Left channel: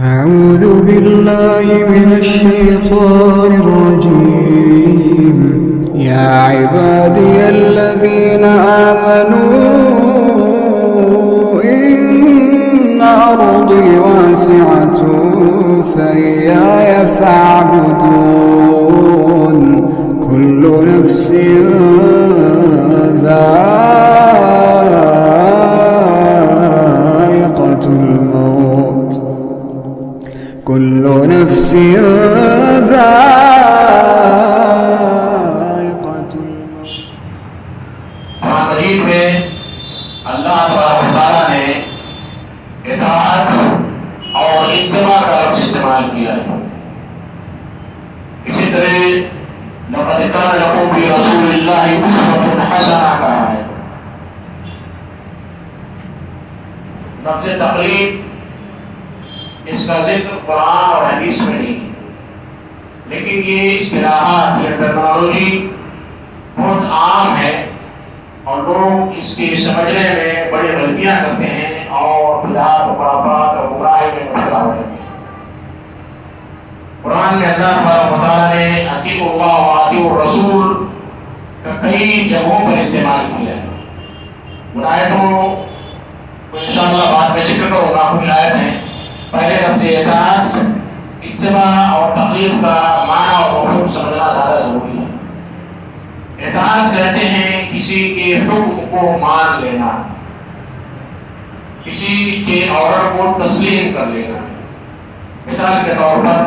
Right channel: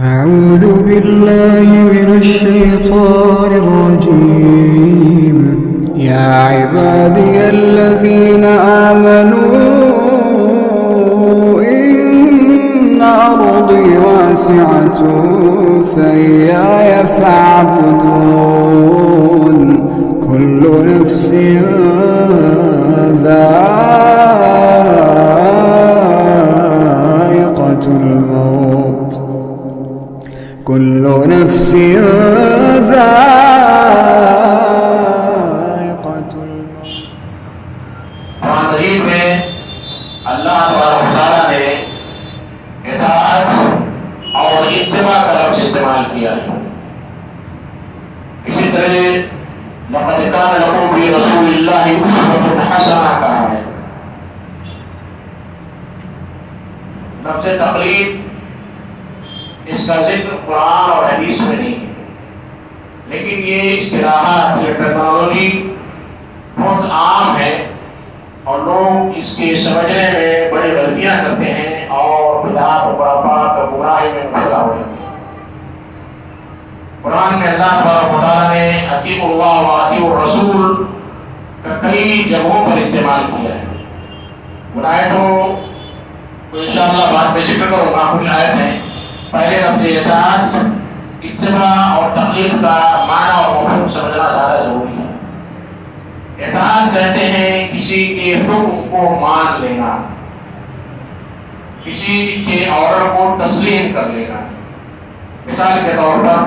أعوذ بالله من الشيطان الرجيم. يا عبادي الذين آمنوا إن أرضي واسعة فإياي فاعبدون. كل نفس ذائقة الموت. كل نفس ذائقة الموت. قرآن مجید میں اللہ تبارک و تعالیٰ نے اطاعت اور اتباع کا لفظ استعمال کیا ہے. اسی طرح لقد كان لكم في رسول الله أسوة حسنة کہا ہے. لفظ تقلید اس کا ذکر قرآن اور حدیث میں نہیں، لیکن یہ اصطلاحات، یہ ٹرمینالوجی بہت عام ہے اور لوگ اس کے سمجھنے میں بڑی غلطیاں کرتے ہیں اور بدعات و خرافات اور برائی میں مبتلا ہو جاتے ہیں. قرآن میں اللہ تبارک و تعالیٰ نے اطیعوا اللہ و اطیعوا الرسول کا کئی جگہوں پر استعمال کیا ہے. ان آیتوں کو انشاءاللہ بعد میں ذکر کروں گا. کچھ آیت ہیں. پہلے لفظ اطاعت، اتباع اور تقلید کا معنی اور مفہوم سمجھنا زیادہ ضروری ہے. اطاعت کہتے ہیں کسی کے حکم کو مان لینا، کسی کے آرڈر کو تسلیم کر لینا. مثال کے طور پر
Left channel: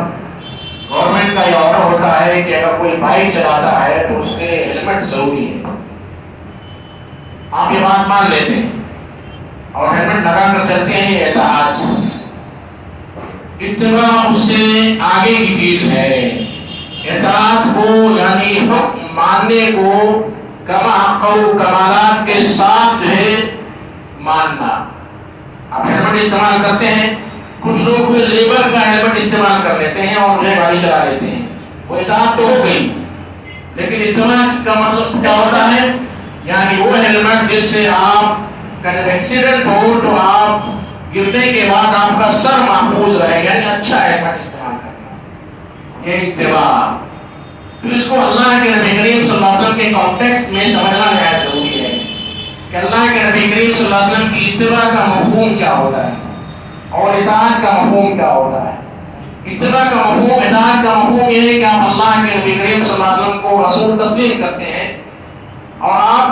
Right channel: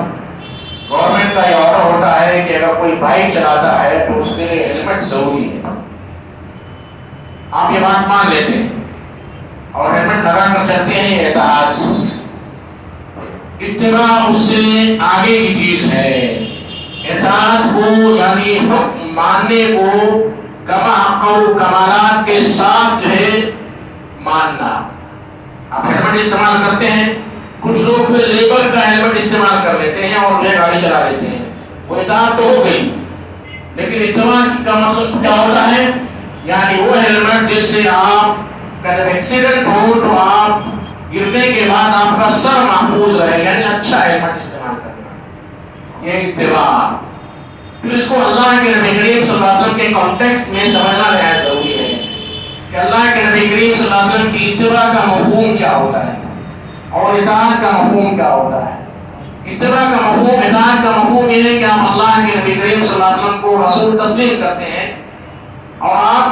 گورنمنٹ کا یہ آرڈر ہوتا ہے کہ اگر کوئی بائک چلاتا ہے تو اس کے لیے ہیلمٹ ضروری ہے. آپ یہ بات مان لیتے ہیں اور ہیلمٹ لگا کر چلتے ہیں. یہ اطاعت. اتباع اس سے آگے کی چیز ہے. اطاعت کو یعنی حکم ماننے کو کما حق و کمالات کے ساتھ جو ہے ماننا. آپ ہیلمٹ استعمال کرتے ہیں، کچھ لوگ پھر لیبر کا ہیلمٹ استعمال کر لیتے ہیں اور یہ گاڑی چلا لیتے ہیں. وہ اطاعت تو ہو گئی، لیکن اتباع کا مطلب کیا ہوتا ہے؟ یعنی وہ ہیلمٹ جس سے آپ کا جب ایکسیڈنٹ ہو تو آپ گرنے کے بعد آپ کا سر محفوظ رہے گا، یعنی اچھا ہیلمٹ استعمال کرنا. یہ اتباع. اس کو اللہ کے نبی کریم صلی اللہ علیہ وسلم کے کانٹیکسٹ میں سمجھنا نہایت ضروری ہے کہ اللہ کے نبی کریم صلی اللہ علیہ وسلم کی اتباع کا مفہوم کیا ہوتا ہے اور اطاعت کا مفہوم کیا ہوتا ہے. اتباع کا مفہوم، اطاعت کا مفہوم یہ ہے کہ آپ اللہ کے نبی کریم صلی اللہ علیہ وسلم کو رسول تسلیم کرتے ہیں اور آپ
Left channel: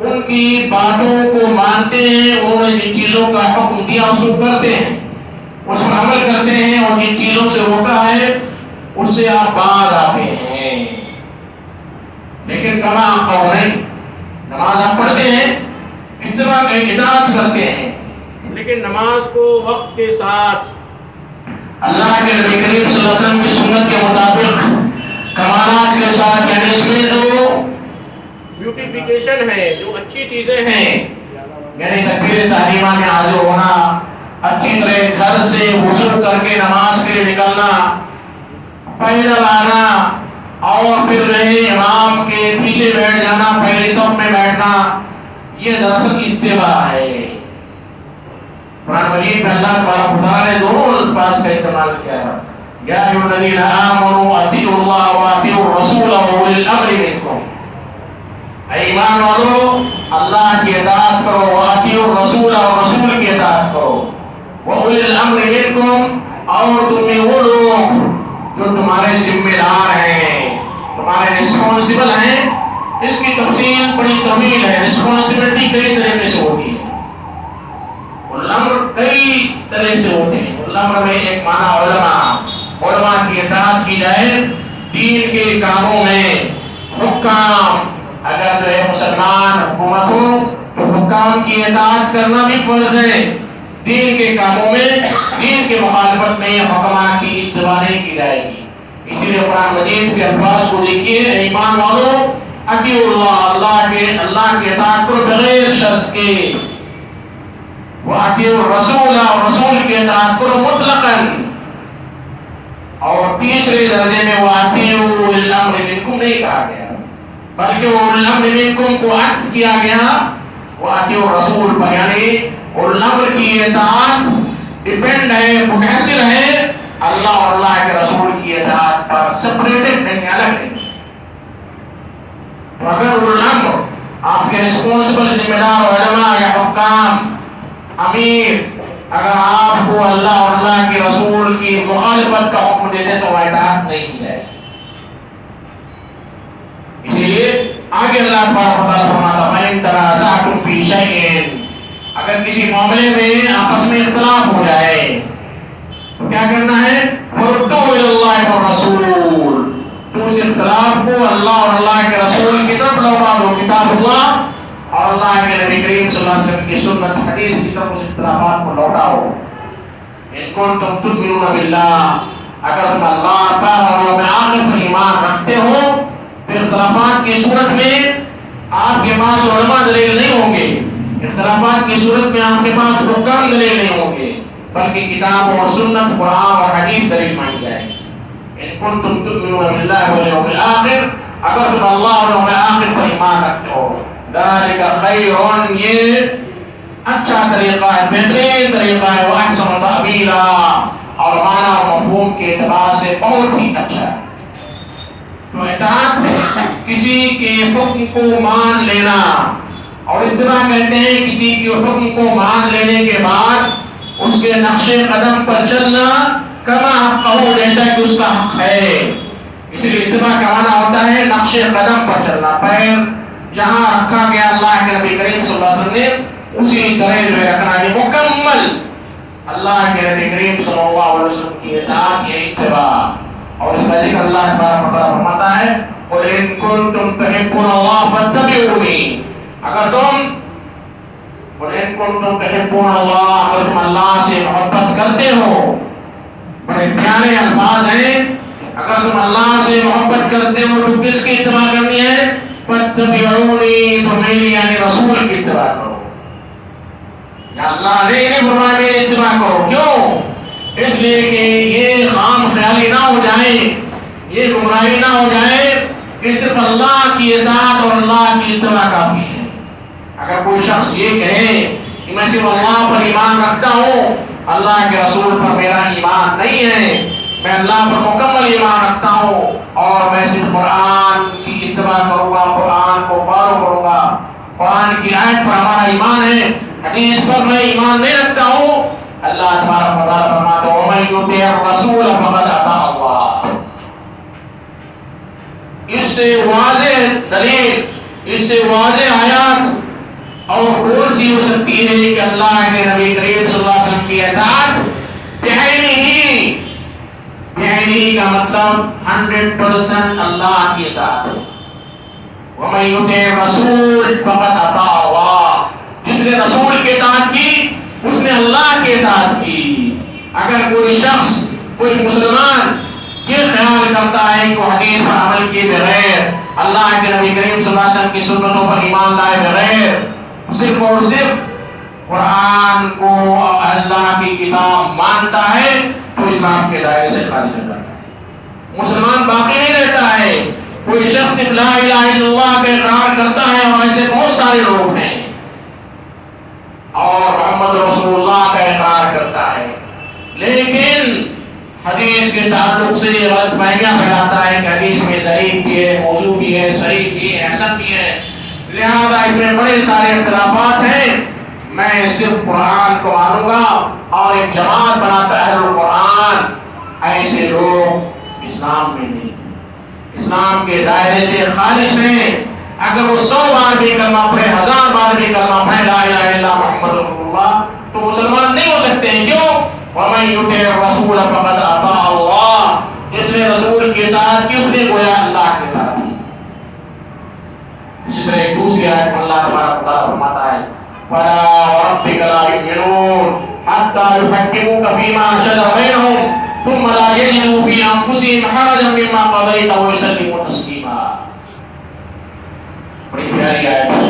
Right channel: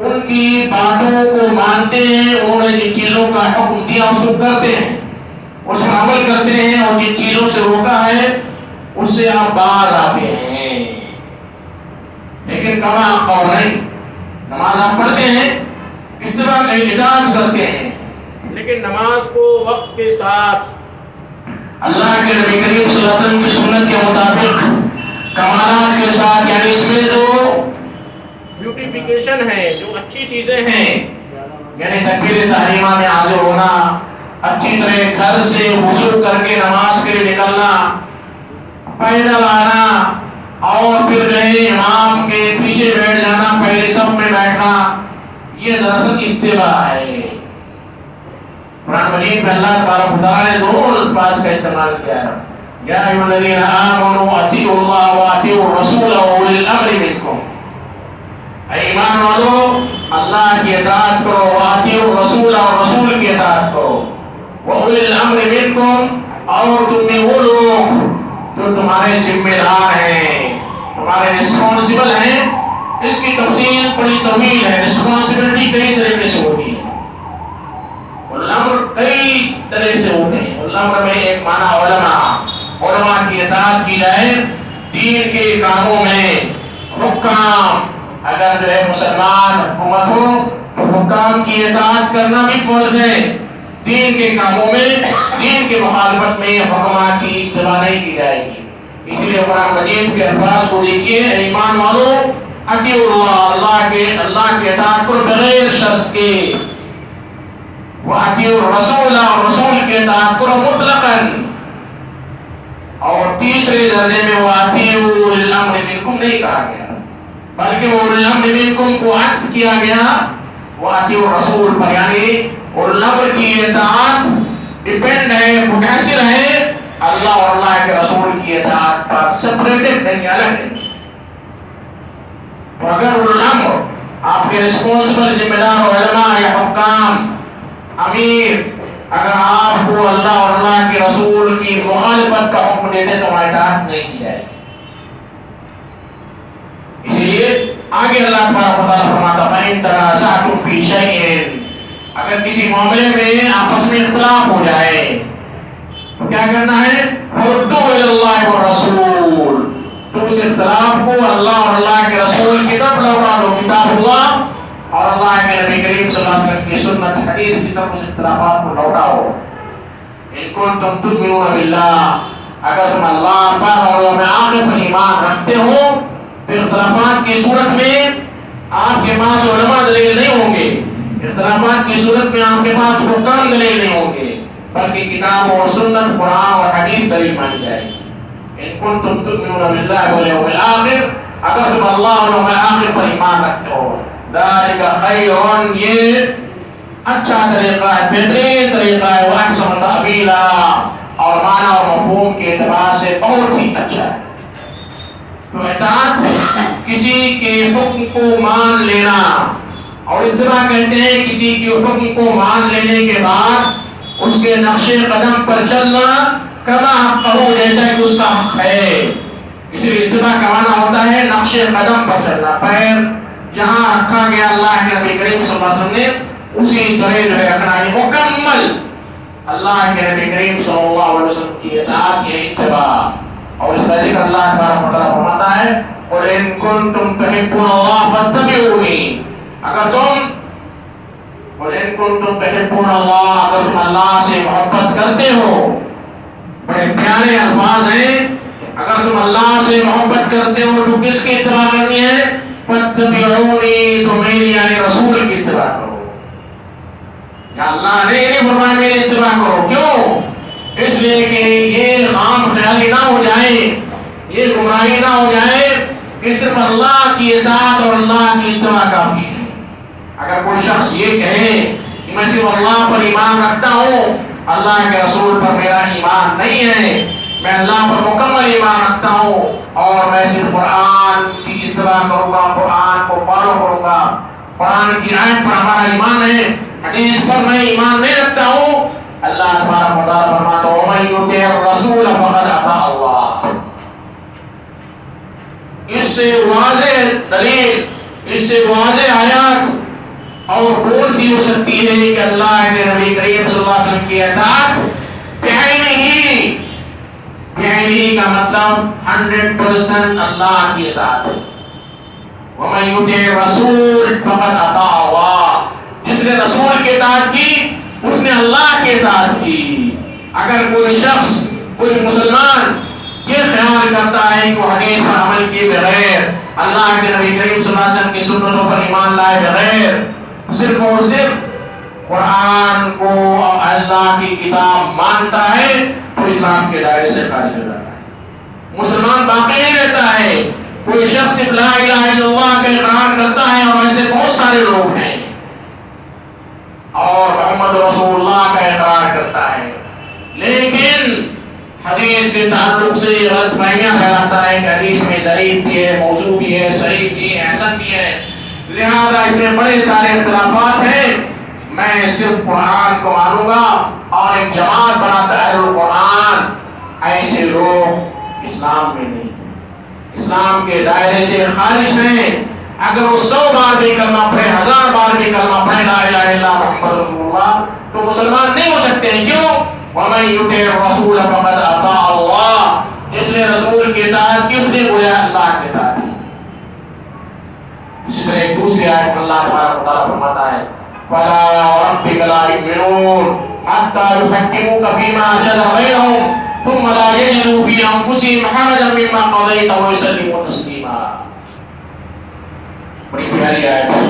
ان کی باتوں کو مانتے ہیں. انہوں نے جن چیزوں کا حکم دیا اس کو کرتے ہیں، اس پر عمل کرتے ہیں، اور جن چیزوں سے روکا ہے اس سے آپ باز آتے ہیں. لیکن کما قول نہیں. نماز آپ پڑھتے ہیں، اتباع اطاعت کرتے ہیں، لیکن نماز کو وقت کے ساتھ اللہ کے نبی کریم صلی اللہ علیہ وسلم کی سنت کے مطابق کمالات کے ساتھ، یعنی اس میں جو بیوٹیفیکیشن ہے، جو اچھی چیزیں ہیں، یعنی تکبیر تحریمہ میں حاضر ہونا، اچھی طرح گھر سے وضو کر کے نماز کے لیے نکلنا، پیدل آنا، اور پھر جو ہے امام کے پیچھے بیٹھ جانا، پہلے صف میں بیٹھنا، یہ دراصل اتباع ہے. قرآن مجید میں اللہ تبارک و تعالیٰ نے دونوں الفاظ کا استعمال کیا ہے. یا ایھا الذین آمنوا اطیعوا اللہ واطیعوا الرسول واولی الامر منکم. اے ایمان والو، اللہ کی اطاعت کرو، واطیعوا الرسول اور رسول کی اطاعت کرو، واولی الامر منکم اور تم میں وہ لوگ جو تمہارے ذمہ دار ہیں، تمہارے رسپانسبل ہیں. اس کی تفصیل بڑی طویل ہے. رسپانسبلٹی کئی طریقے سے ہوتی ہے، الامر کئی طرح سے ہوتے ہیں. الامر میں ایک معنی علماء کی اطاعت کی جائے دین کے کاموں میں. حکام اگر جو ہے مسلمان حکومت ہو تو حکام کی اطاعت کرنا بھی فرض ہے. دین کے کاموں میں، دین کے مخالفت میں حکما کی اتباع نہیں کی جائے گی. اسی لیے قرآن مجید کے الفاظ کو دیکھیے. ایمان والو اطیعوا اللہ، اللہ کے اطاعت کرو بغیر شرط کے. واطیعوا الرسول اور رسول کی اطاعت کرو مطلقاً. اور تیسرے درجے میں واطیعوا اولی الامر منکم نہیں کہا گیا، بلکہ اولی الامر منکم کو عطف کیا گیا واطیعوا الرسول پر. یعنی اولو الامر کی اطاعت ڈیپینڈ ہے، منحصر ہے اور اللہ کے رسول کی اطاعت پر سپریٹڈ نہیں، الگ نہیں. تو اگر الامر آپ کے رسپانسبل ذمہ دار علماء یا حکام امیر اگر آپ کو اللہ اور اللہ کے رسول کی مخالفت کا حکم دیتے تو اطاعت نہیں کی جائے. اسی لیے آگے اللہ تبارک و تعالیٰ فرماتا فَإِن تَنَازَعْتُمْ فِي شَيْءٍ، اگر کسی معاملے میں آپس میں اختلاف ہو جائے تو کیا کرنا ہے؟ فَرُدُّوهُ إِلَى اللَّهِ وَالرَّسُولِ، تو اس اختلاف کو اللہ اور اللہ کے رسول کی طرف لوٹا دو، کتاب اللہ اور اللہ کے نبی کریم صلی اللہ علیہ وسلم کی سنت حدیث کی طرف اس اختلافات کو لوٹاؤ. ان کنتم تؤمنون باللہ، اگر تم اللہ پر اور یوم آخر پر ایمان رکھتے ہو تو اختلافات کی صورت میں آپ کے پاس علماء دلیل نہیں ہوں گے، اختلافات کی صورت میں آپ کے پاس حکام دلیل نہیں ہوں گے، بلکہ کتاب اور سنت قرآن اور حدیث دلیل مانی جائے گی. ان کنتم تؤمنون باللہ والیوم الآخر، اگر تم اللہ اور یوم آخر پر ایمان رکھتے ہو. ذالک خیر، یہ اچھا طریقہ ہے، بہترین طریقہ ہے، واحسن تأویلا، اور معنی اور مفہوم کے اعتبار سے بہت ہی اچھا ہے. تو اطاعت کسی کے حکم کو مان لینا، اور اتباع کہتے ہیں کسی کے حکم کو مان لینے کے بعد اس کے نقش قدم پر چلنا، کما حقہ، جیسا کہ اس کا حق ہے. اس لیے اتباع کا معنی ہوتا ہے نقش قدم پر چلنا، پیر جہاں رکھا گیا اللہ کے نبی کریم صلی اللہ علیہ وسلم نے اسی طرح جو ہے رکھنا ہے، مکمل اللہ کے نبی کریم صلی اللہ علیہ وسلم کی اطاعت یا اتباع. اور اس کا ذکر اللہ تبارک و تعالیٰ فرماتا ہے قُلْ إِن كُنتُمْ تُحِبُّونَ اللَّهَ فَاتَّبِعُونِي، اگر تم اللہ سے محبت کرتے ہو، بڑے پیارے الفاظ ہیں. اگر تم اللہ سے محبت کرتے ہو تو کس کی اتباع کرنی ہے؟ فَاتَّبِعُونِي، تو میری یعنی رسول کی اتباع کرو. یا اللہ نے انہیں فرمایا میری اتباع کرو. کیوں؟ اس لیے کہ یہ خام خیالی نہ ہو جائے، یہ گمراہی نہ ہو جائے کہ صرف اللہ کی اطاعت اور اللہ کی اتباع کافی ہے. اگر کوئی شخص یہ کہے کہ میں صرف اللہ پر ایمان رکھتا ہوں، اللہ کے رسول پر میرا ایمان نہیں ہے، میں اللہ پر مکمل ایمان رکھتا ہوں اور میں صرف قرآن کی اتباع کروں گا، قرآن کو فالو کروں گا، قرآن کی آیت پر ہمارا ایمان ہے، حدیث پر میں ایمان نہیں رکھتا ہوں، اللہ تبارک و تعالیٰ فرماتا ہے وَمَن يُطِعِ الرَّسُولَ فَقَدْ أَطَاعَ اللَّهَ. اس سے واضح دلیل، اس سے واضح آیات اور کون سی ہو سکتی ہے کہ اللہ کے نبی کریم صلی اللہ علیہ وسلم کی اطاعت بعینہ، بعینہ کا مطلب 100% اللہ کی اطاعت. وَمَن يُطِعِ الرَّسُولَ فَقَدْ أَطَاعَ اللَّهَ، جس نے رسول کی اطاعت کی اس نے اللہ کی اطاعت کی. اگر کوئی شخص، کوئی مسلمان یہ خیال کرتا ہے کہ وہ حدیث پر عمل کیے بغیر، اللہ کے نبی کریم صلی اللہ علیہ وسلم کی سنتوں پر ایمان لائے بغیر صرف اور صرف قرآن کو اللہ کی کتاب مانتا ہے تو اسلام کے دائرے سے خارج ہو جاتا ہے، مسلمان باقی نہیں رہتا ہے. کوئی شخص صرف لا الہ الا اللہ کا اقرار کرتا ہے، اور ایسے بہت سارے لوگ ہیں، اور محمد رسول اللہ کا اقرار کرتا ہے، لیکن حدیث کے تعلق سے غلط فہمیاں پھیلاتا ہے کہ حدیث میں ضعیف بھی ہے، موضوع بھی ہے، صحیح بھی ہے، حسن بھی ہے، لہذا اس میں بڑے سارے اختلافات ہیں، میں صرف قرآن کو مانوں گا. اور ایک جماعت بناتا ہے اہل القرآن. ایسے لوگ اسلام میں نہیں، اسلام کے دائرے سے خارج ہیں. اگر وہ 100 بار بھی کلمہ پڑھے، 1000 بار بھی کلمہ پڑھے لا الہ الا اللہ محمد رسول اللہ، تو مسلمان نہیں ہو سکتے ہیں. کیوں؟ وَمَن يُطِعِ الرَّسُولَ فَقَدْ أَطَاعَ اللَّهَ، جس نے رسول کی اطاعت کی اس نے گویا اللہ کی اطاعت کی. اسی طرح ایک دوسری آیت میں اللہ تبارک و تعالیٰ فرماتا ہے فَلَا وَرَبِّكَ لَا يُؤْمِنُونَ حَتَّى يُحَكِّمُوكَ فِيمَا شَجَرَ بَيْنَهُمْ ثُمَّ لَا يَجِدُوا فِي أَنفُسِهِمْ حَرَجًا مِّمَّا قَضَيْتَ وَيُسَلِّمُوا تَسْلِيمًا. بڑی پیاری آیت ہے،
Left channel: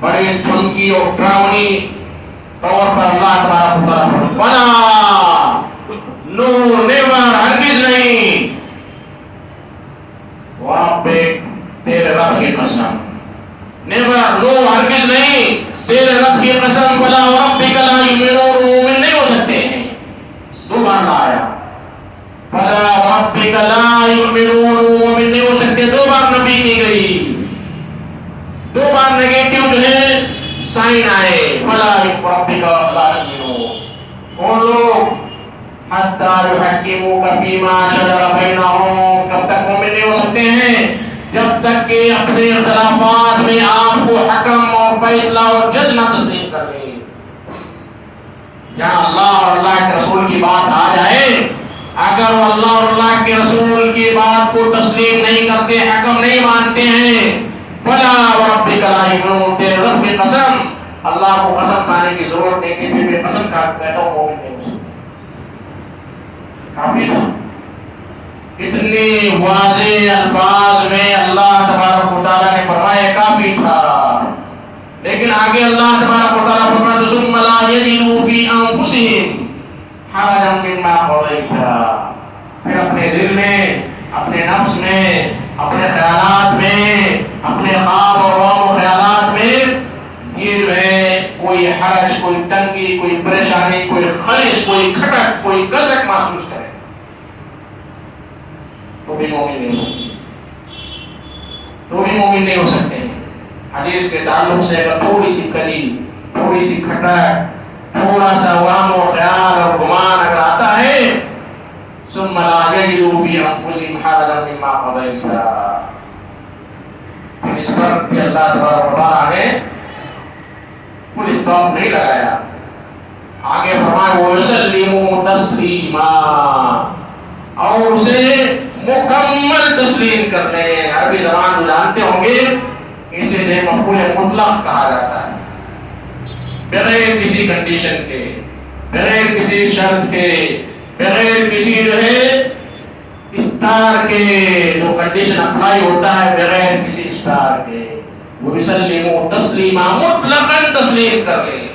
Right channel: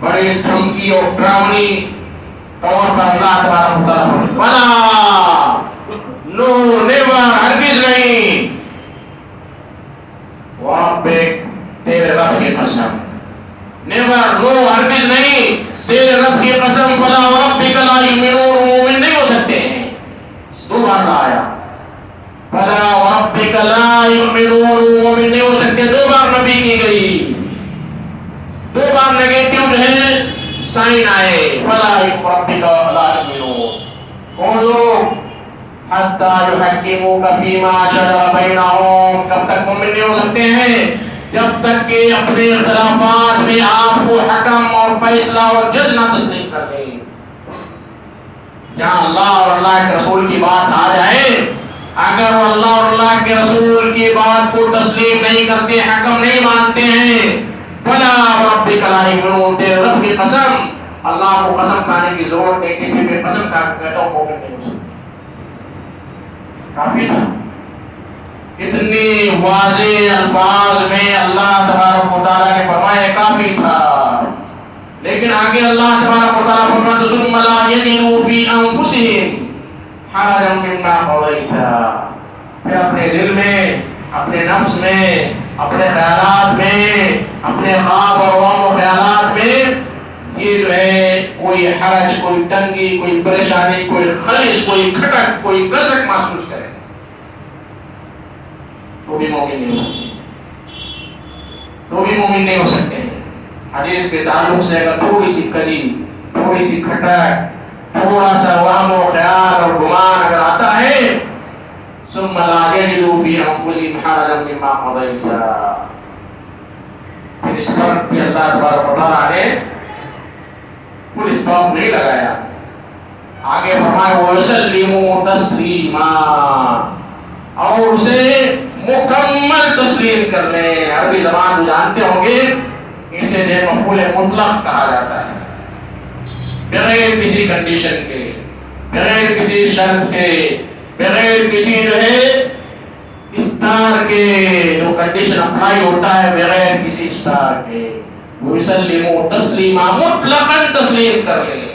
بڑی دھمکی اور ڈراؤنی طور پر اللہ تبارک و تعالیٰ فَلَا، نو، نیور، ہرگز نہیں، وَرَبِّكَ، تیرے رب کی قسم، نیور، نو، ہرگز نہیں، تیرے رب کی قسم، فَلَا وَرَبِّكَ لَا يُؤْمِنُونَ، مومن نہیں ہو سکتے ہیں. 2 بار آیا فلا وربک لا یؤمنون، مومن نہیں ہو سکتے. 2 بار نفی کی گئی، 2 بار نیگیٹو جو ہے سائن آئے. فلا وربک لا یؤمنون، کون لوگ؟ حتی یحکموک فیما شجر بینہم، کب تک مومن نہیں ہو سکتے ہیں؟ جب تک کہ اپنے اختلافات میں آپ کو حکم اور فیصلہ اور جج نہ تسلیم کر دیں. جہاں اللہ اور اللہ کے رسول کی بات آ جائے، اگر وہ اللہ اور اللہ کے رسول کی بات کو تسلیم نہیں کرتے، حکم نہیں مانتے ہیں، فلا وربک لا یؤمنون، تیرے رب کی قسم، اللہ کو قسم کھانے کی ضرورت نہیں کہ میں قسم کہتا ہوں مومن نہیں ہو سکتا. کافی تھا. اتنی واضح الفاظ میں اللہ تبارک و تعالیٰ نے فرمایا کافی تھا. لیکن آگے اللہ تبارک و تعالیٰ فرماتا ثم لا یجدوا فی انفسہم حرجا مما قضیت، پھر اپنے دل میں، اپنے نفس میں، اپنے خیالات میں، اپنے خواب اور وہم و خیالات میں یہ جو ہے کوئی حرج، کوئی تنگی، کوئی پریشانی، کوئی خلش، کوئی کھٹک، کوئی کسک محسوس کرے تو بھی مومن نہیں ہو سکتے، تو بھی مومن نہیں ہو سکتے. حدیث کے تعلق سے اگر تھوڑی سی کجی، تھوڑی سی کھٹک، تھوڑا سا وہم و خیال اور گمان اگر آتا ہے، ثم لا یجدوا فی انفسہم حرجا مما قضیت، پھر اس پر بھی اللہ تبارک و تعالیٰ نے فل اسٹاپ نہیں لگایا. آگے فرمایا وَيُسَلِّمُوا تَسْلِيمًا، اور اسے مکمل تسلیم کر لیں. عربی زبان جو جانتے ہوں گے اسے بے مفعول مطلق کہا جاتا ہے، بغیر کسی کنڈیشن کے، بغیر کسی شرط کے، بغیر کسی جو ہے اسٹار کے، جو کنڈیشن اپلائی ہوتا ہے بغیر کسی اسٹار کے. وَيُسَلِّمُوا تَسْلِيمًا، مطلقاً تسلیم کر لیں.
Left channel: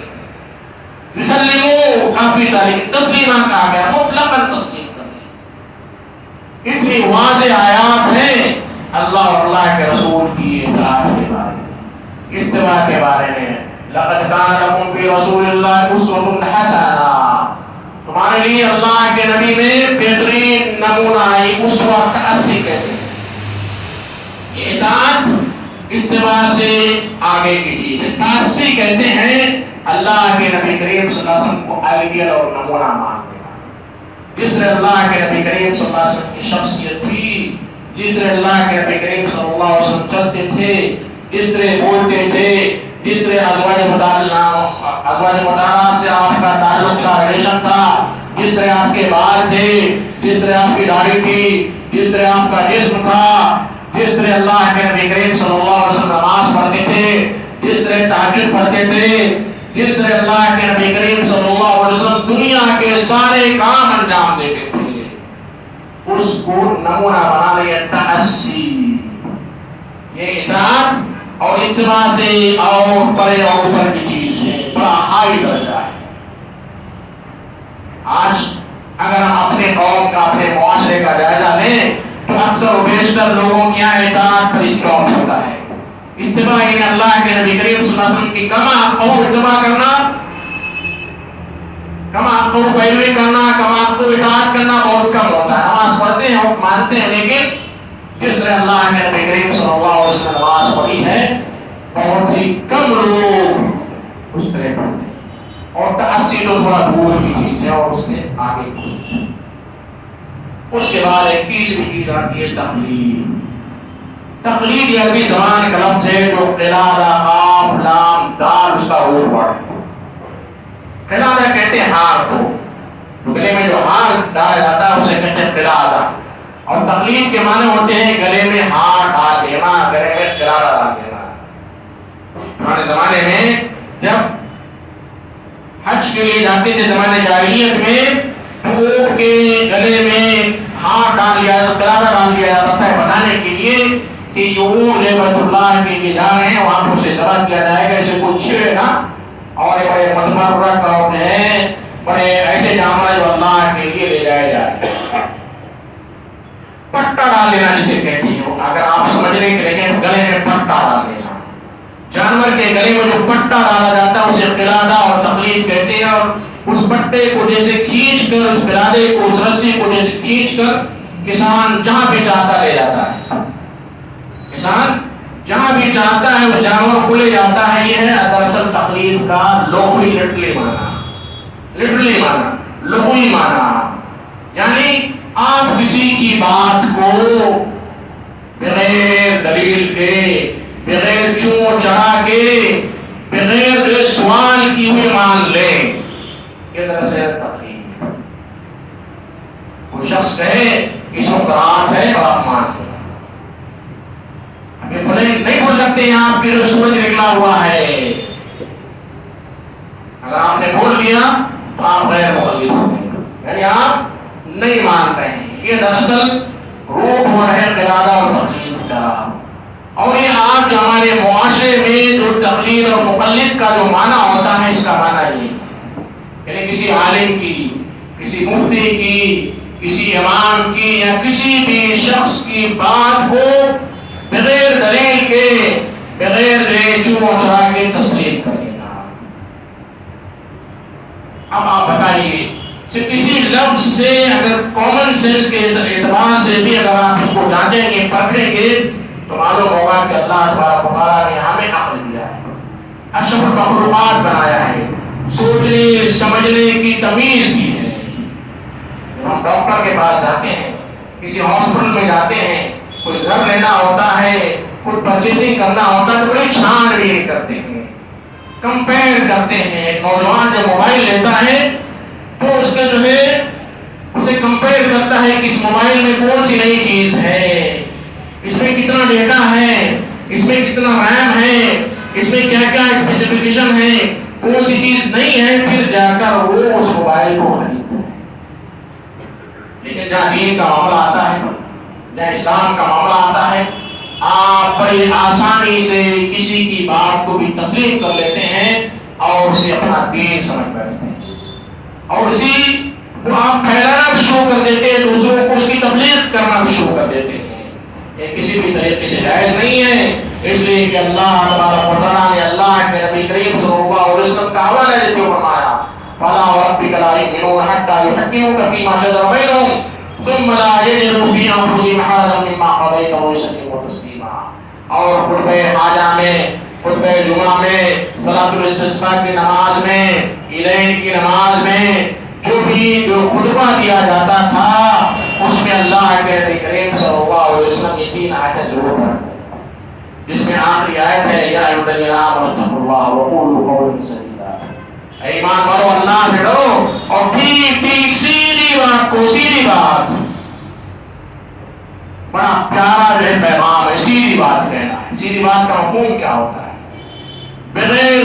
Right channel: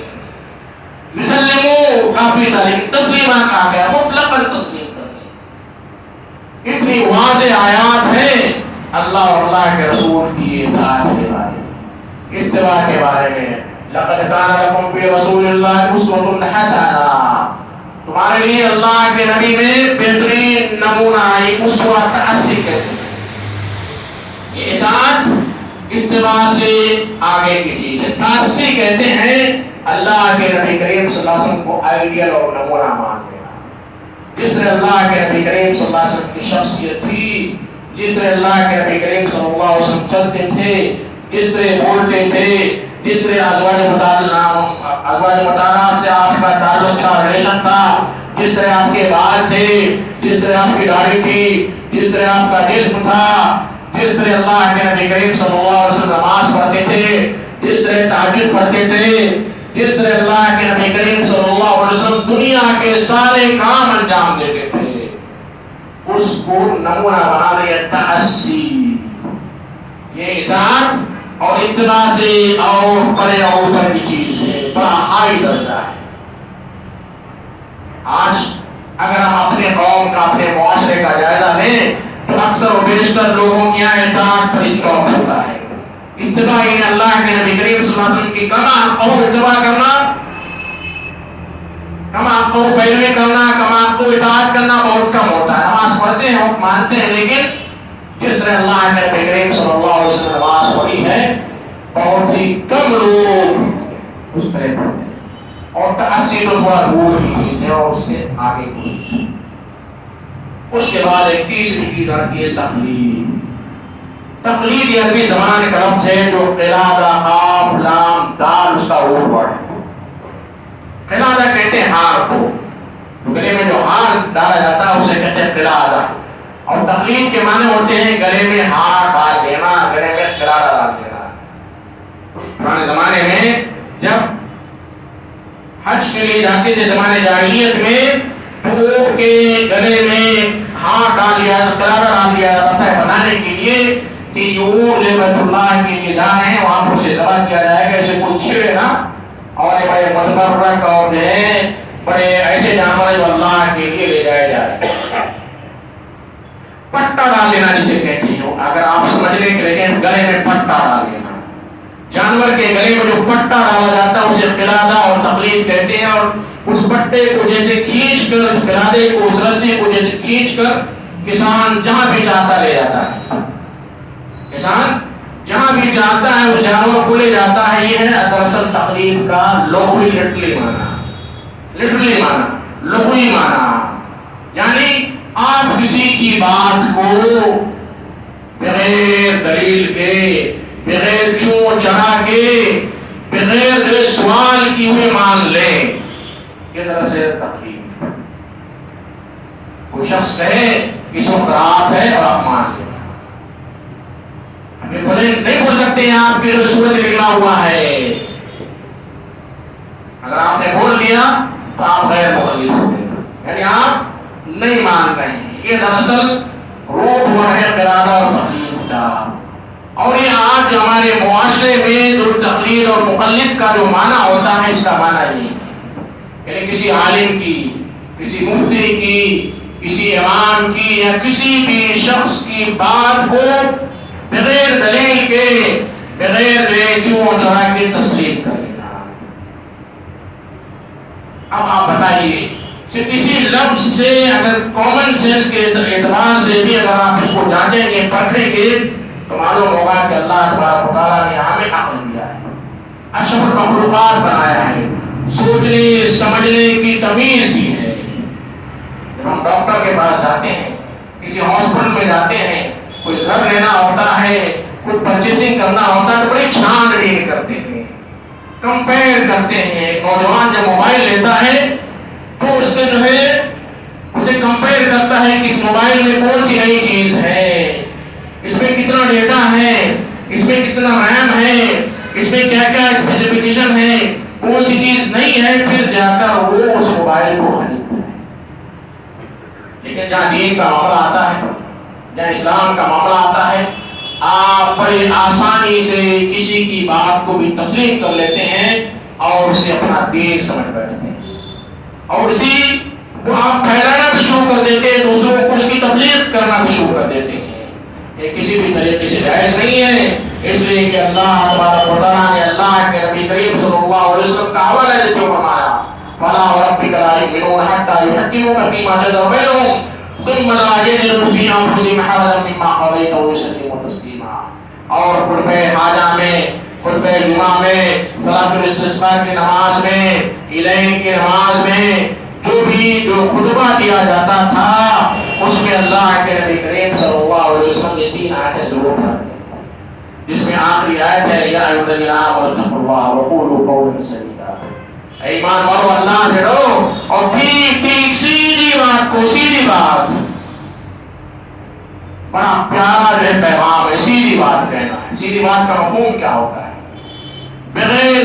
یسلموا کافی تھا لیکن تسلیمہ کہا گیا، مطلقاً تسلیم کر لیں. اتنی واضح آیات ہیں اللہ اور اللہ کے رسول کی اطاعت کے بارے میں، اتباع کے بارے میں. لقد كان لكم في رسول الله اسوة حسنة، تمہارے لیے اللہ کے نبی میں بہترین نمونہ، ایک اسوہ تأسی کہتے ہیں. یہ اطاعت اتباع سے آگے کی چیز ہے. تأسی کہتے ہیں اللہ کے نبی کریم صلی اللہ علیہ وسلم کو آئیڈیل اور نمونہ مانتے ہیں. جس طرح اللہ کے نبی کریم صلی اللہ علیہ وسلم کی شخصیت تھی، جس طرح اللہ کے نبی کریم صلی اللہ علیہ وسلم چلتے تھے، جس طرح بولتے تھے، جس طرح ازواج مطالعہ سے آپ کا تعلق تھا، ریلیشن تھا، جس طرح آپ کے بال تھے، جس طرح آپ کی داڑھی تھی، جس طرح آپ کا جسم تھا، جس طرح اللہ کے نبی کریم صلی اللہ علیہ وسلم نماز پڑھتے تھے، جس طرح تہجد پڑھتے تھے، جس طرح اللہ کے نبی کریم صلی اللہ علیہ وسلم دنیا کے سارے کام انجام دیتے تھے، اس کو نمونہ بنا لیا تأسی. یہ اطاعت اور اتباع سے اور بڑے اور اوپر کی چیز ہے، بڑا ہائی درجہ ہے. آج اگر ہم اپنے قوم کا، اپنے معاشرے کا جائزہ لیں تو اکثر و بیشتر لوگوں کے یہاں اطاعت پر اسٹاپ ہوتا ہے. اتباع یعنی اللہ کے نبی کریم صلی اللہ علیہ وسلم کی کما اور اتباع کرنا، کما کو پیروی کرنا، کما کو اطاعت کرنا بہت کم ہوتا ہے. نماز پڑھتے ہیں اور مانتے ہیں، لیکن جس طرح اللہ کے نبی کریم صلی اللہ علیہ وسلم نماز پڑھی ہے بہت ہی کم لوگ اس طرح پڑھتے ہیں. اور تأسی تو تھوڑا دور کی چیز ہے اور اس کے آگے کی چیز ہے. اس کے بعد ایک تیسری چیز آتی ہے تقلید. تقلید یہ عربی زبان کا لفظ ہے جو قلادہ، قاف، لام، دال اس کا روٹ ورڈ ہے. قلادہ کہتے ہیں ہار کو، گلے میں جو ہار ڈالا جاتا ہے اسے کہتے ہیں قلادہ. اور تقلید کے معنی ہوتے ہیں گلے میں ہار ڈال دینا، گلے میں قلادہ ڈال دینا. پرانے زمانے میں جب حج کے لیے جاتے تھے زمانے جاہلیت میں، تو اونٹ کے گلے میں ہار ڈال دیا، قلادہ ڈال دیا جاتا ہے بتانے کے لیے کہ یہ اونٹ بیت اللہ کے لیے جا رہے ہیں، وہاں پر اسے ذبح کیا جائے گا، اسے کوئی چھیڑے نا. اور بڑے متبرک اور جو ہے بڑے ایسے جانور جو اللہ کے لیے لے جائے جائے. پٹا ڈال دینا جسے کہتے ہیں، اگر آپ سمجھنے کے لیے گلے میں پٹا ڈال دینا، جانور کے گلے میں جو پٹا ڈالا جاتا ہے اسے قلادہ اور تقلید کہتے ہیں. اور اس پٹے کو جیسے کھینچ کر، اس برادے کو، اس رسی کو جیسے کھینچ کر کسان جہاں بھی چاہتا لے جاتا ہے. کسان جہاں بھی چاہتا ہے اس جانور کو لے جاتا ہے. یہ ہے دراصل تقلید کا لغوی لٹرلی معنی، لغوی معنی. یعنی آپ کسی کی بات کو بغیر دلیل کے، بغیر چون چرا کے، بغیر سوال کی ہوئے مان لیں. یہ دراصل تقلید. وہ شخص کہے اس وقت رات ہے اور آپ مان لیں. بولے نہیں بول سکتے ہیں آپ کے جو سورج نکلا ہوا ہے. اگر آپ نے بول دیا تو آپ غیر مقلد ہو گئے، یعنی آپ نہیں مان رہے ہیں. یہ دراصل روٹ ہو رہا ہے قرادہ اور تقلید کا. اور یہ آج جو ہمارے معاشرے میں جو تقلید اور مقلد کا جو معنی ہوتا ہے، اس کا معنی یہ یعنی کسی عالم کی، کسی مفتی کی، کسی امام کی یا کسی بھی شخص کی بات کو بغیر دلیل کے، بغیر چون چرا کے تسلیم کرنا. اب آپ بتائیے صرف کسی لفظ سے، اگر کامن سینس کے اعتبار سے بھی اگر آپ اس کو جانچیں گے، پرکھیں گے، تو معلوم ہوگا کہ اللہ تبارک و تعالیٰ نے ہمیں عقل دیا ہے، اشرف المخلوقات بنایا ہے، سوچنے سمجھنے کی تمیز دی ہے. جب ہم ڈاکٹر کے پاس جاتے ہیں، کسی ہاسپٹل میں جاتے ہیں، کوئی گھر لینا ہوتا ہے، کوئی پرچیسنگ کرنا ہوتا ہے، تو بڑی چھان بین کرتے ہیں، کمپیئر کرتے ہیں. ایک نوجوان جب موبائل لیتا ہے تو اس کے جو ہے اسے کمپیئر کرتا ہے کہ اس موبائل میں کون سی نئی چیز ہے، اس میں کتنا ڈیٹا ہے، اس میں کتنا ریم ہے، اس میں کیا کیا اسپیسیفکیشن ہے، کون سی چیز نہیں ہے، پھر جا کر وہ اس موبائل کو خریدتا ہے. لیکن جہاں دین کا معاملہ آتا ہے، جہاں اسلام کا معاملہ آتا ہے، آپ بڑی آسانی سے کسی کی بات کو بھی تسلیم کر لیتے ہیں اور اسے اپنا دین سمجھ بیٹھتے ہیں، اور اسی کو آپ پھیلانا بھی شروع کر دیتے ہیں، دوسروں کو اس کی تبلیغ کرنا بھی شروع کر دیتے ہیں. یہ کسی بھی طریقے سے جائز نہیں ہے، اس لیے کہ اللہ تبارک و تعالیٰ نے اللہ کے نبی کریم صلی اللہ علیہ وسلم کا حوالہ دیتے ہوئے فرمایا فَلَا وَرَبِّكَ لَا يُؤْمِنُونَ حَتَّى يُحَكِّمُوكَ فِيمَا شَجَرَ بَيْنَهُمْ ثُمَّ لَا يَجِدُوا فِي أَنفُسِهِمْ حَرَجًا مِّمَّا قَضَيْتَ وَيُسَلِّمُوا تَسْلِيمًا. اور خطبہ حاجہ میں، خطبہ جمعہ میں، صلاۃ الاستسقاء کی نماز میں، عیدین کی نماز میں جو خطبہ دیا جاتا تھا، اس میں اللہ کے نبی کریم صلی اللہ علیہ وسلم نے 3 آیتیں ضرور پڑھی، جس میں آخری آیت ہے یا ایھا الذین آمنوا اتقوا اللہ وقولوا قولا سدیدا. اے ایمان والو، اللہ سے ڈرو اور ٹھیک ٹھیک سیدھی بات کو، سیدھی بات، بڑا پیارا جو ہے پیغام ہے، سیدھی بات کہنا ہے. سیدھی بات کا مفہوم کیا ہوتا ہے؟ بغیر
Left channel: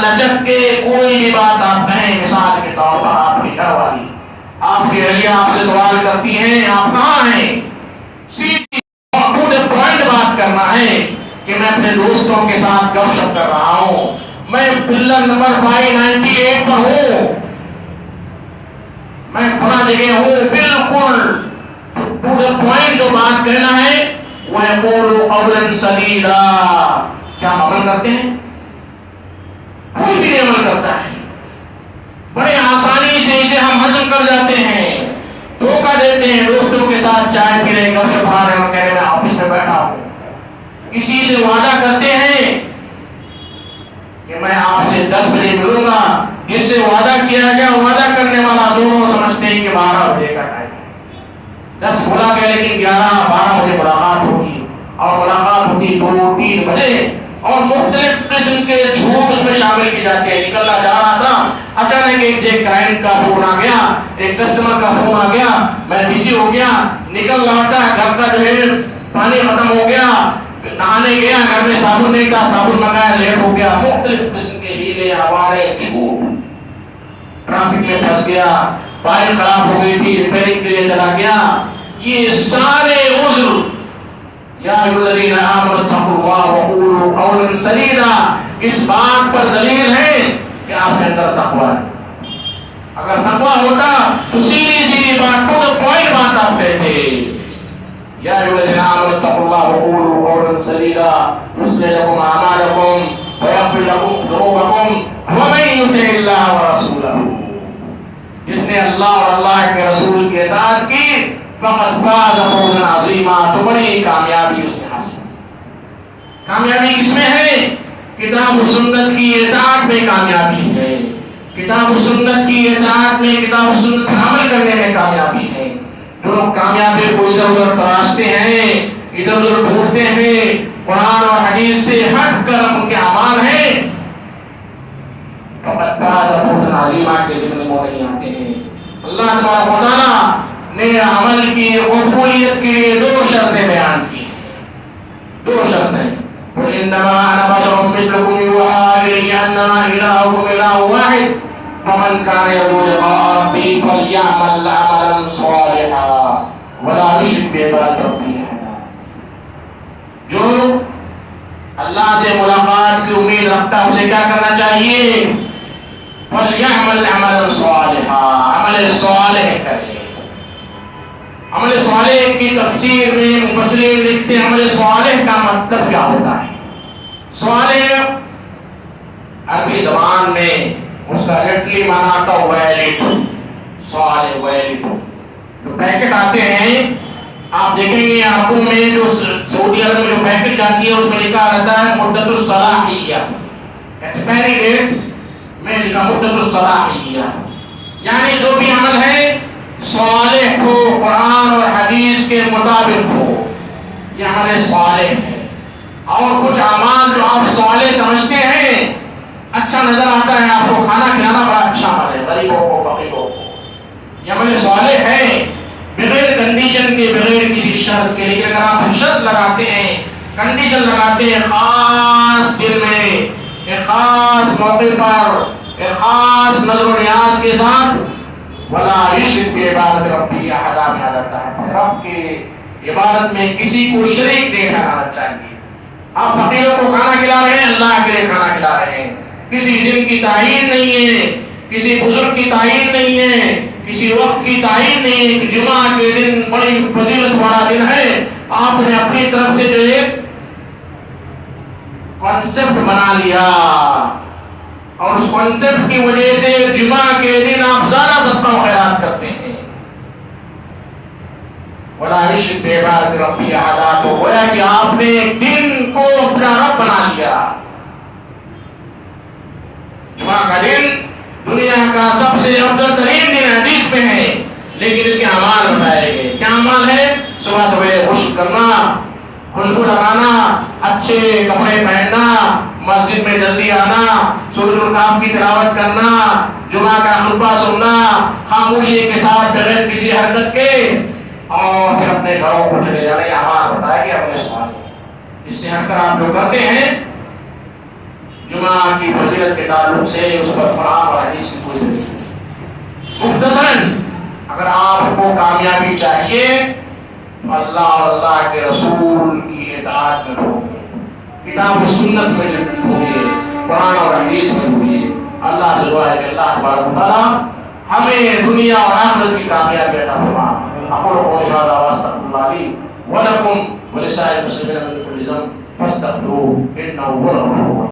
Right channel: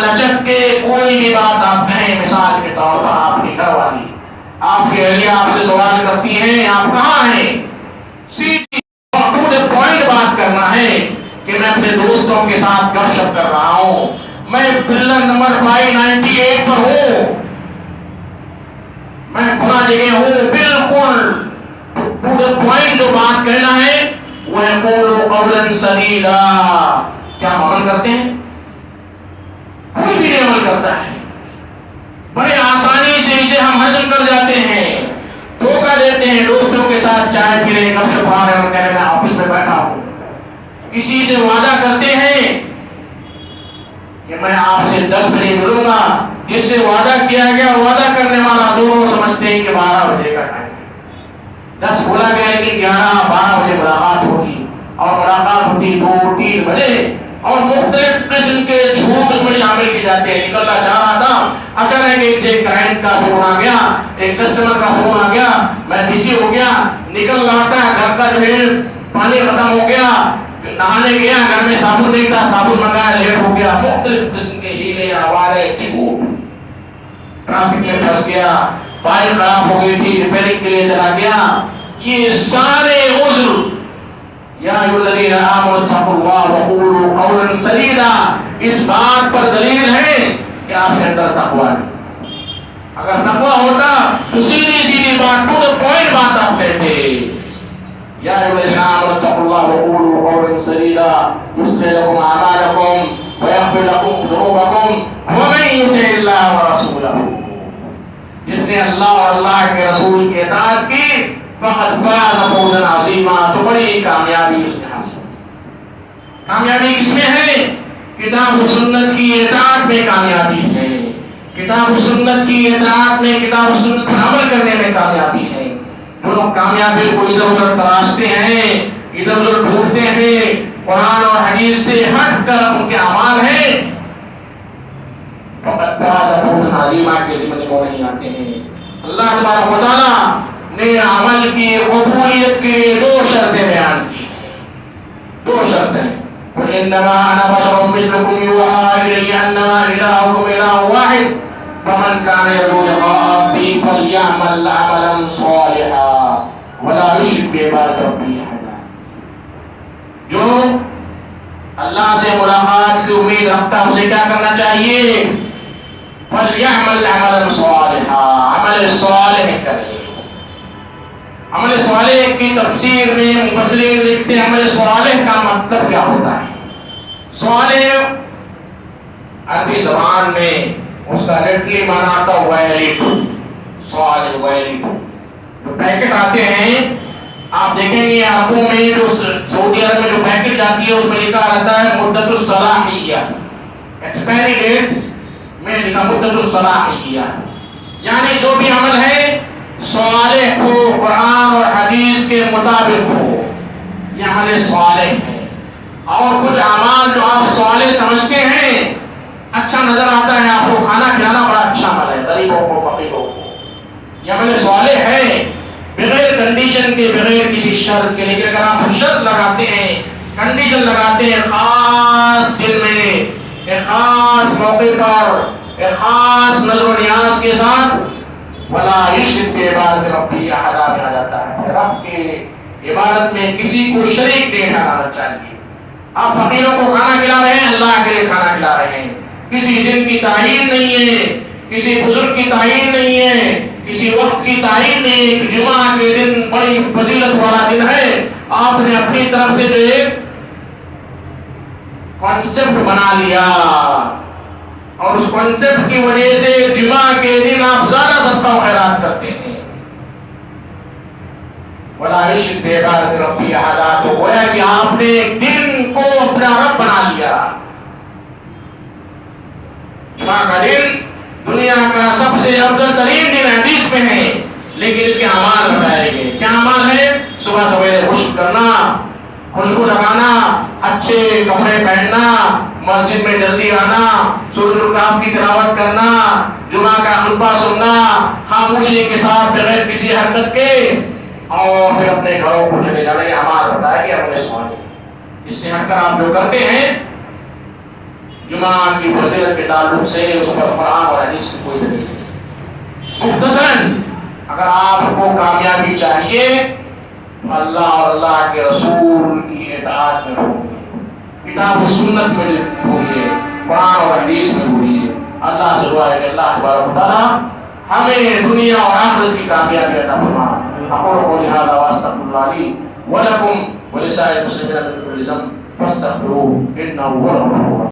لچک کے کوئی بھی بات آپ کہیں. مثال کے طور پر آپ کی گھر والی، آپ کی اہلیہ آپ سے سوال کرتی ہیں آپ کہاں ہیں، سیدھی ٹو دی پوائنٹ بات کرنا ہے کہ میں اپنے دوستوں کے ساتھ گپ شپ کر رہا ہوں، میں پلر نمبر 598 پر ہوں، میں فلاں جگہ ہوں. بالکل ٹو دی پوائنٹ جو بات کہنا ہے وہ ہے قولوا قولا سدیدا. کیا ہم عمل کرتے ہیں؟ کوئی بھی نہیں عمل کرتا ہے. بڑے آسانی سے اسے ہم ہضم کر جاتے ہیں، دھوکہ دیتے ہیں. دوستوں کے ساتھ چائے پی رہے، گپ شپ کھا رہے ہیں، کہہ رہے میں آفس میں بیٹھا ہوں. کسی سے وعدہ کرتے ہیں کہ میں آپ سے 10 بجے ملوں گا، جس سے وعدہ کیا گیا وعدہ کرنے والا دونوں سمجھتے ہیں کہ 12 بجے کا ٹائم ہے. 10 بولا گیا لیکن 11-12 بجے ملاقات ہوگی، اور ملاقات ہوتی 2-3 بجے، اور مختلف قسم کے جھوٹ اس میں شامل کی جاتے ہیں. نکلنا چاہ رہا تھا، اچانک ایک کلائنٹ کا فون آ گیا، ایک کسٹمر کا فون آ گیا، میں بزی ہو گیا. نکل رہا تھا، گھر کا جو ہے پانی ختم ہو گیا، نہانے گیا، گھر میں صابن نہیں تھا، صابن منگایا، لیٹ ہو گیا. مختلف قسم کے ہیلے، آوارے، جھوٹ. ٹریفک میں پھنس گیا، بائک خراب ہو گئی تھی، ریپیئرنگ کے لیے چلا گیا. یہ سارے عذر یا ایھا الذین آمنوا اتقوا اللہ وقولوا قولا سدیدا اس بات پر دلیل ہے کہ آپ کے اندر تقوی ہے. اگر تقوی ہوتا تو سیدھی سیدھی بات، ٹو دی پوائنٹ بات آپ کہتے. یا ایھا الذین آمنوا اتقوا اللہ وقولوا قولا سدیدا یصلح لکم اعمالکم ویغفر لکم ذنوبکم ومن یطع اللہ ورسولہ نے اللہ اور اللہ کے رسول کی اطاعت کی فقد فاز فوزا عظیما، تو بڑی کامیابی اس نے حاصل کی۔ کامیابی کس میں ہے؟ کتاب و سنت کی اطاعت میں کامیابی ہے، کتاب و سنت کی اطاعت میں، کتاب و سنت پر عمل کرنے میں کامیابی ہے۔ جو لوگ کامیابی کو ادھر ادھر تراشتے ہیں، ادھر ادھر ڈھونڈتے ہیں، قرآن اور حدیث سے ہٹ کر ان کے اعمال ہیں، فقط فاز فوزا عظیما کے ذمہ وہ نہیں آتے ہیں۔ اللہ تبارک و تعالیٰ نے عمل کی قبولیت کے لیے دو شرطیں بیان کی ہیں، دو شرطیں۔ قل انما انا بشر مثلكم يوحى الي انما الهكم اله واحد فمن كان يرجو لقاء ربه فليعمل عملا صالحا ولا يشرك بعبادة ربه احدا۔ جو اللہ سے ملاقات کی امید رکھتا ہے اسے کیا کرنا چاہیے؟ فَلْيَعْمَلْ عَمَلًا صَالِحًا، عمل صالح کرے۔ عمل صالح کی تفسیر میں مفسرین لکھتے ہیں عمل صالح کا مطلب کیا ہوتا ہے؟ صالح عربی زبان میں اس کا لٹرلی معنی آتا ہے ویلڈ، صالح ویلڈ۔ جو پیکٹ آتے ہیں آپ دیکھیں گے عربوں میں، جو سعودی عرب میں جو پیکٹ جاتی ہے اس میں لکھا رہتا ہے مدت الصلاحیہ، ایکسپائری ڈیٹ میں لکھا مدت الصلاحیہ، یعنی جو بھی عمل ہے صالح ہو، قرآن اور حدیث کے مطابق ہو، یہ عمل صالح ہے۔ اور کچھ اعمال جو آپ صالح سمجھتے ہیں، اچھا نظر آتا ہے آپ کو، کھانا کھلانا بڑا اچھا عمل ہے غریبوں کو، فقیروں کو، یہ عمل صالح ہے بغیر کنڈیشن کے، بغیر کسی شرط کے۔ لیکن اگر آپ شرط لگاتے ہیں، کنڈیشن لگاتے ہیں، خاص دل میں، ایک خاص موقع پر، ایک خاص نظر و نیاز کے ساتھ، ولا یشرک بعبادۃ ربہ احدا، میں آ جاتا ہے رب کے عبادت میں کسی کو شریک نہیں ٹھہرانا چاہیے۔ آپ فقیروں کو کھانا کھلا رہے ہیں، اللہ کے لیے کھانا کھلا رہے ہیں، کسی دن کی تعین نہیں ہے، کسی بزرگ کی تعین نہیں ہے، کسی وقت کی تعین نہیں ہے کہ جمعہ کے دن بڑی فضیلت والا دن ہے، آپ نے اپنی طرف سے جو ایک کانسیپٹ بنا لیا، اور اس کانسیپٹ کی وجہ سے جمعہ کے دن آپ زیادہ صدقہ و خیرات کرتے ہیں۔ ولا یشرک بعبادۃ ربہ احدا، تو گویا کہ آپ نے ایک دن کو اپنا رب بنا لیا۔ جمعہ کا دن دنیا کا سب سے افضل ترین دن حدیث میں ہے، لیکن اس کے اعمال بتائے گئے۔ کیا اعمال ہے؟ صبح سویرے غسل کرنا، خوشبو لگانا، اچھے کپڑے پہننا، مسجد میں جلدی آنا، سورۃ الکہف کی تلاوت کرنا، جمعہ کا خطبہ سننا خاموشی کے ساتھ بغیر کسی حرکت کے، اور پھر اپنے گھروں کو چلے جانا۔ یہ ہمارا بتایا کہ اپنے سوال اس سے ہٹ کر آپ جو کرتے ہیں جمعہ کی فضیلت کے تعلق سے اس پر قرآن اور حدیث کی کوئی دلیل نہیں۔ مختصراً اگر آپ کو کامیابی چاہیے تو اللہ اور اللہ کے رسول کی اطاعت میں ہوگی، کتاب و سنت میں ہوگی، قرآن اور حدیث میں ہوگی۔ اللہ سے دعا ہے کہ اللہ تبارک و تعالیٰ ہمیں دنیا اور آخرت کی کامیابی عطا فرمائے۔ اقول قولی ھذا واستغفر اللہ لی ولکم ولسائر المسلمین من کل ذنب فاستغفروہ انہ هو الغفور الرحیم۔